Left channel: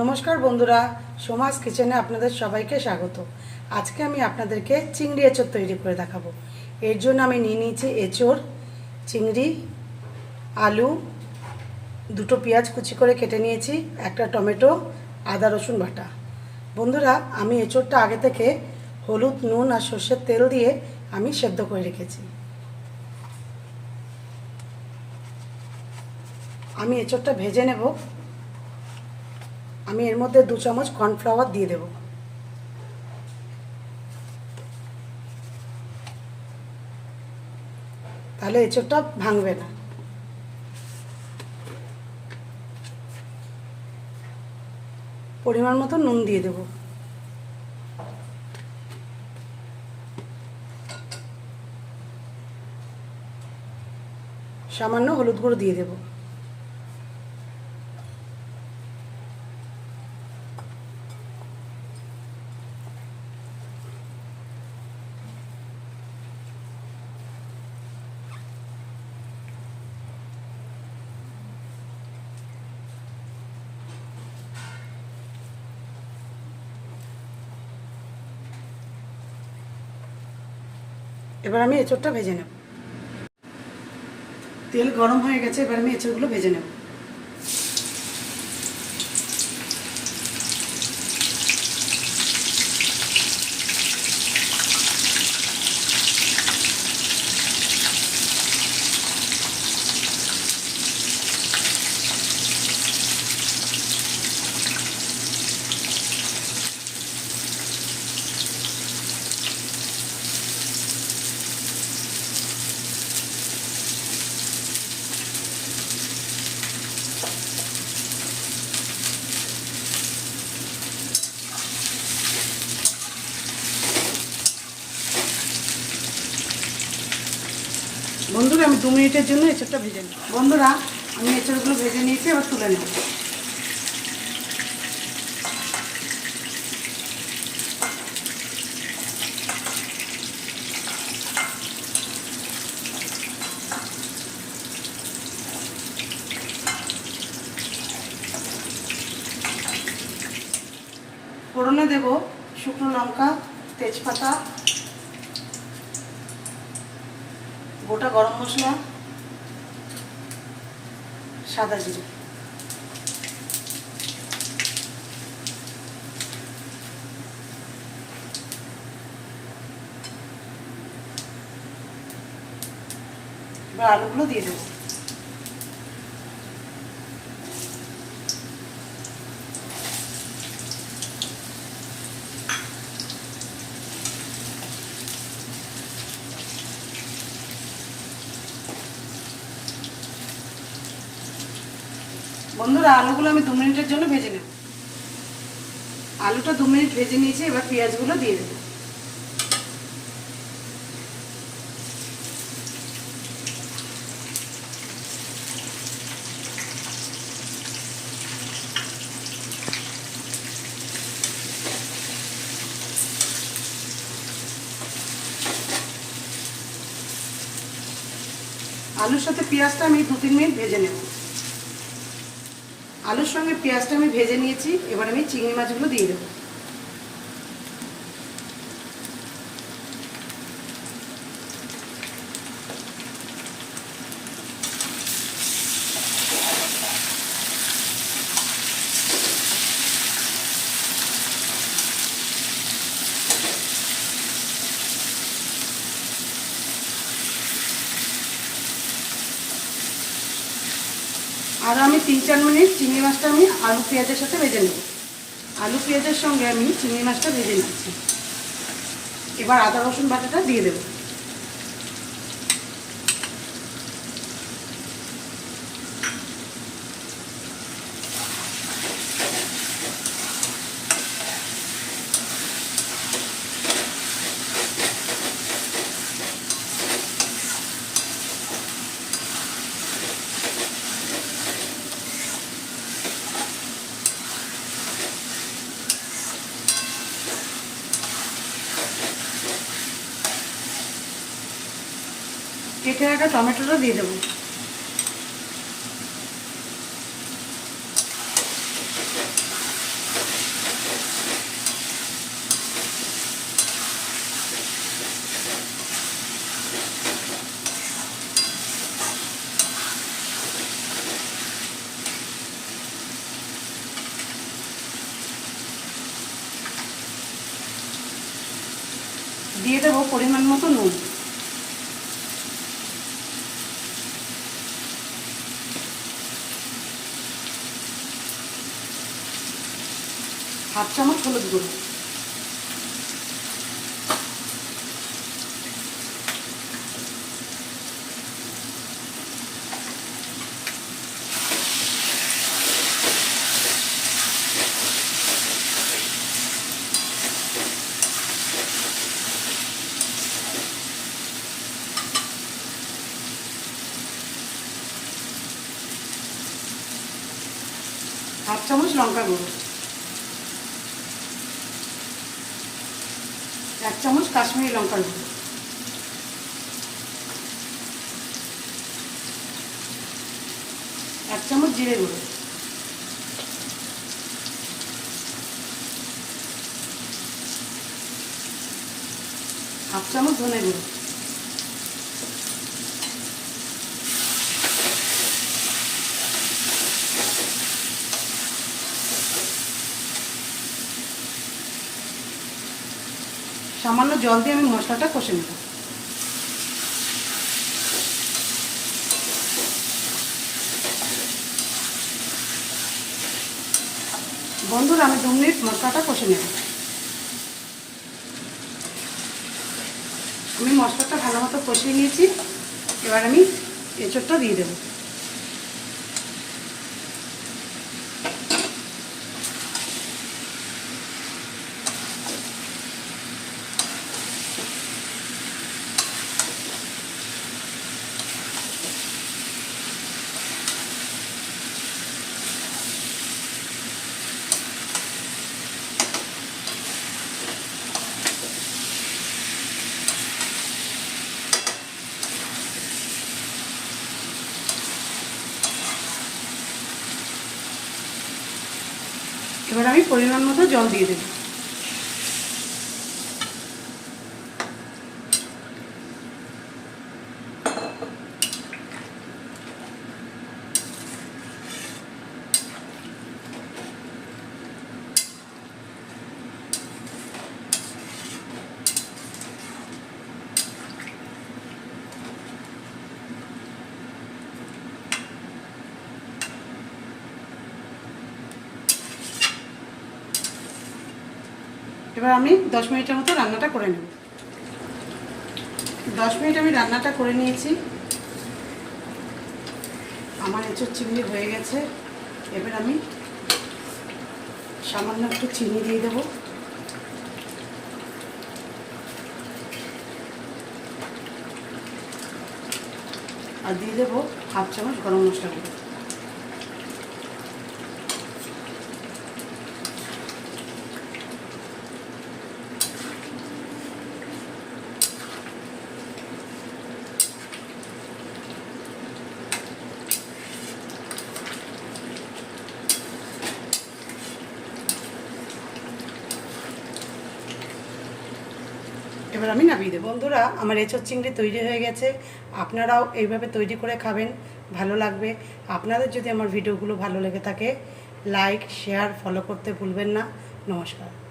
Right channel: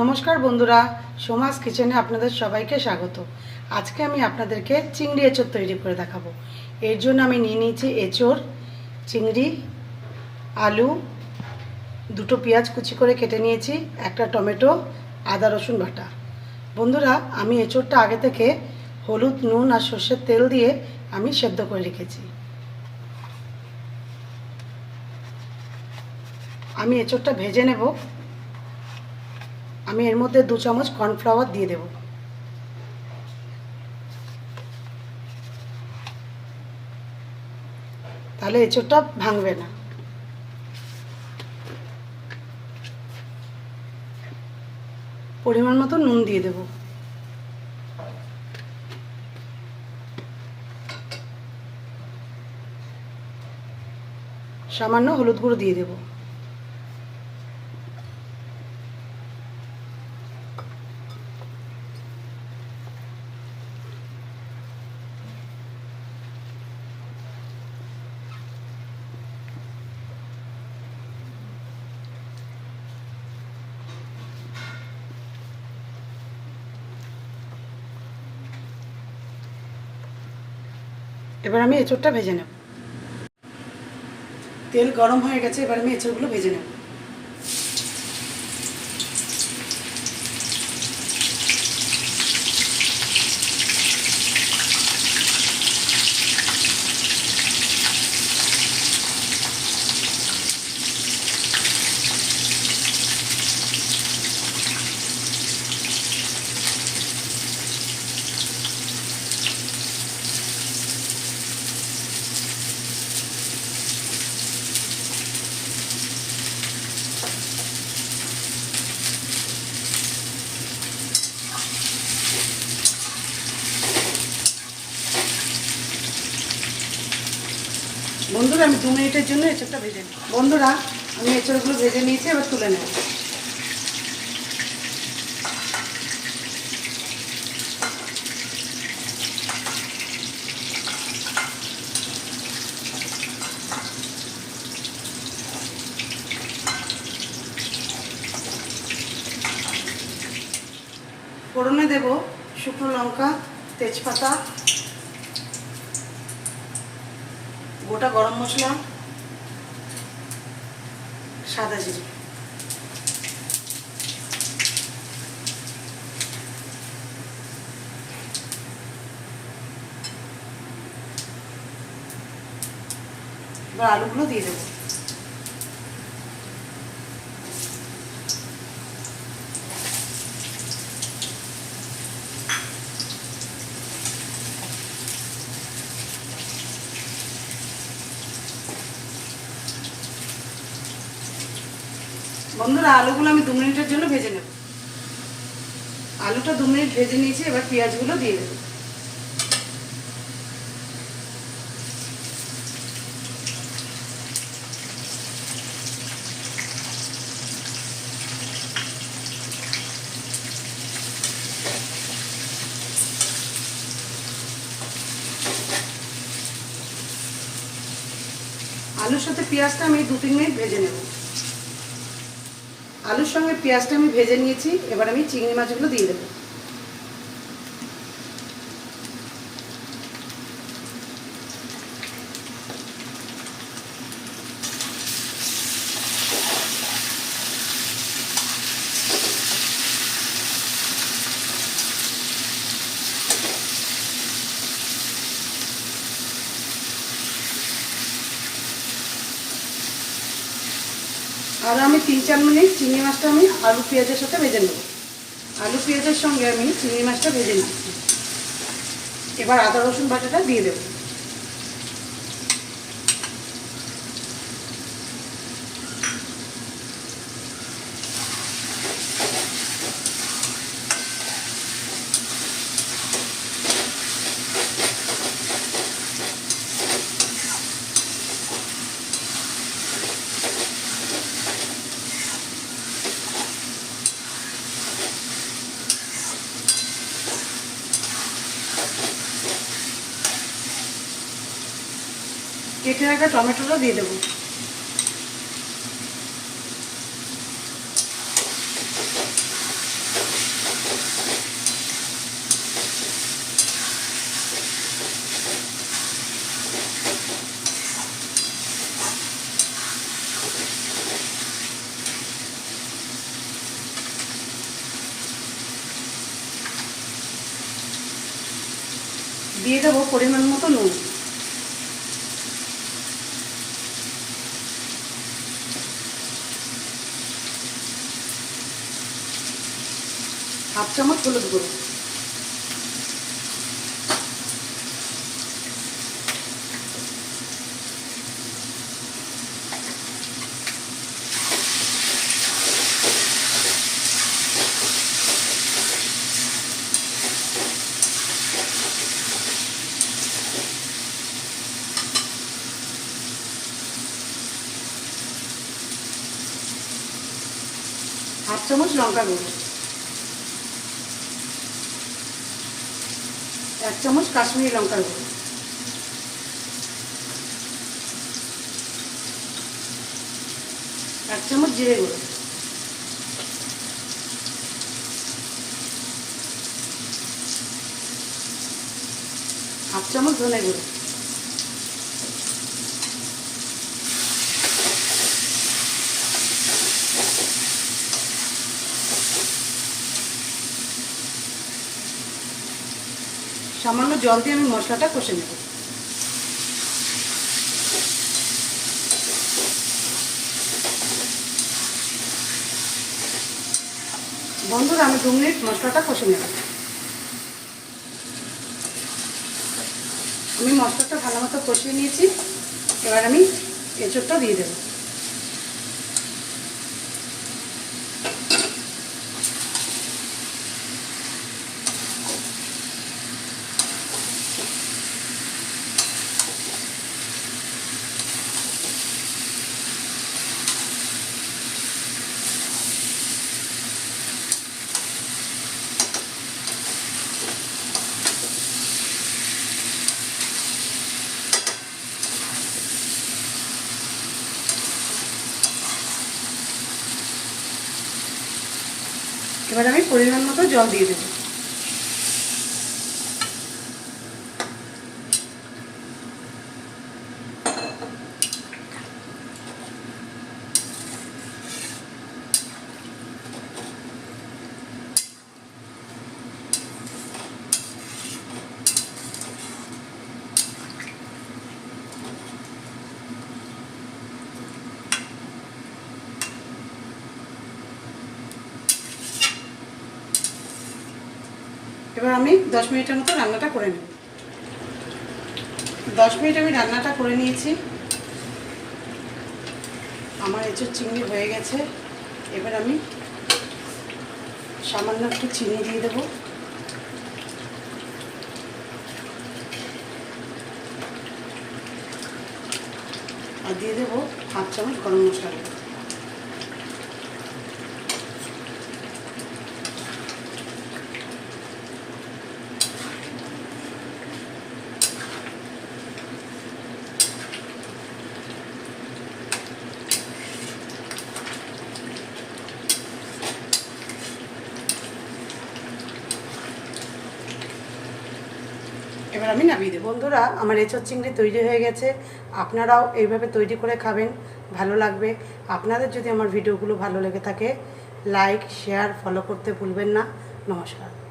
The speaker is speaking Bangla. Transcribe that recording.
নমস্কার বন্ধুরা, সোমাস কিচেনে আপনাদের সবাইকে স্বাগত। আজকে আমি আপনাদেরকে চিংড়ি এঁচোড় তৈরি করে দেখাবো। এর জন্য আমি নিয়ে নিয়েছি এঁচোড়, চিংড়ি, আলু, দুটো পেঁয়াজ কুচি করে কেটে নিয়েছি, একটা টমেটো, আদা রসুন বাটা। বন্ধুরা, আমি এঁচোড়টা আগে থেকে হলুদ, নুন আর সর্ষের তেল দিয়ে আমি সেদ্ধ করে রেখেছি। আমি এঁচোড়টা ভেজে নেব। আমি এর মধ্যে 2 চামচ কর্নফ্লাওয়ার দিয়ে দেব। তাহলে এঁচোড়টা ভাঙবে না। পরিমাণ মতো নুন দিয়ে দেব। সামান্য হলুদ গুঁড়ো দিয়ে দেব। এবার আমি এঁচোড়টা ভেজে নেব। তেল গরম হয়ে গেছে, এবার আমি এঁচোড়গুলো ভেজে নেব। বন্ধুরা, আমি 2 মিনিটের জন্য এঁচোড়টা ভেজে নিই। বন্ধুরা, আমি এঁচোড়গুলো ভেজে নিয়েছি, এবার তুলে নেব। ফোড়নে দেব শুকনো লঙ্কা, তেজপাতা, গোটা গরম মশলা, সাদা জিরে। এবার আলুগুলো দিয়ে দেবো। বন্ধুরা, আলুগুলো আমি 2 মিনিটের জন্য ভেজে নেব। আলুটা 2 মিনিট ভেজে নিয়েছি, এবার পেঁয়াজগুলো দিয়ে দেবো। আলুর সাথে পেঁয়াজটা আমি 2-3 মিনিট ভেজে নেব। আলুর সঙ্গে পেঁয়াজটা আমি ভেজে নিয়েছি, এবার আমি চিংড়ি মাছগুলো দিয়ে দেবো। আর আমি 3-4 মিনিট চিংড়ি মাছটা আমি আলু পেঁয়াজের সাথে ভেজে নেব। আলু পেঁয়াজের সঙ্গে আমি চিংড়ি মাছটা ভেজে নিচ্ছি। এবার আদা রসুন বাটাটা দিয়ে দেবো। কেটে রাখা টমেটোটা দিয়ে দেবো। দিয়ে দেবো পরিমাণ মতো নুন। হাফ চামচ হলুদ গুঁড়ো। হাফ চামচ লঙ্কা গুঁড়ো। 1 চামচ কাশ্মীরি লঙ্কার গুঁড়ো। 1 চামচ জিরে গুঁড়ো। 1/2 চামচ ধনে গুঁড়ো। সামান্য জল দিয়ে আমি মশলাটা কষে নেব। বন্ধুরা, আমি 2 মিনিট মশলাটা কষে নেব। আমি মশলাটা ভালো মতো কষিয়ে নিয়েছি। এবার আমি এঁচোড়টা দিয়ে দেবো। এবার আমি পরিমাণ মতো জল দিয়ে দেব। এবার আমি 10 মিনিটের মতো রান্নাটা করে নেব। 10 মিনিট আমি রান্নাটা করে নিয়েছি। আমার এঁচোড় চিংড়ি হয়ে গেছে। এবার আমি সামান্য একটু চিনি দিয়ে দেবো। আর দিয়ে দেবো 1/2 চামচ গরম মশলা। এবার আমি নামিয়ে দেবো। বন্ধুরা, আমার এঁচোড় চিংড়ি তৈরি হয়ে গেছে। আপনারাও এইভাবে তৈরি করে খাবেন, ভালো লাগবে। আপনাদের যদি আমার ভিডিওগুলো ভালো লেগে থাকে, লাইক, শেয়ার, ফলো করতে ভুলবেন না। নমস্কার।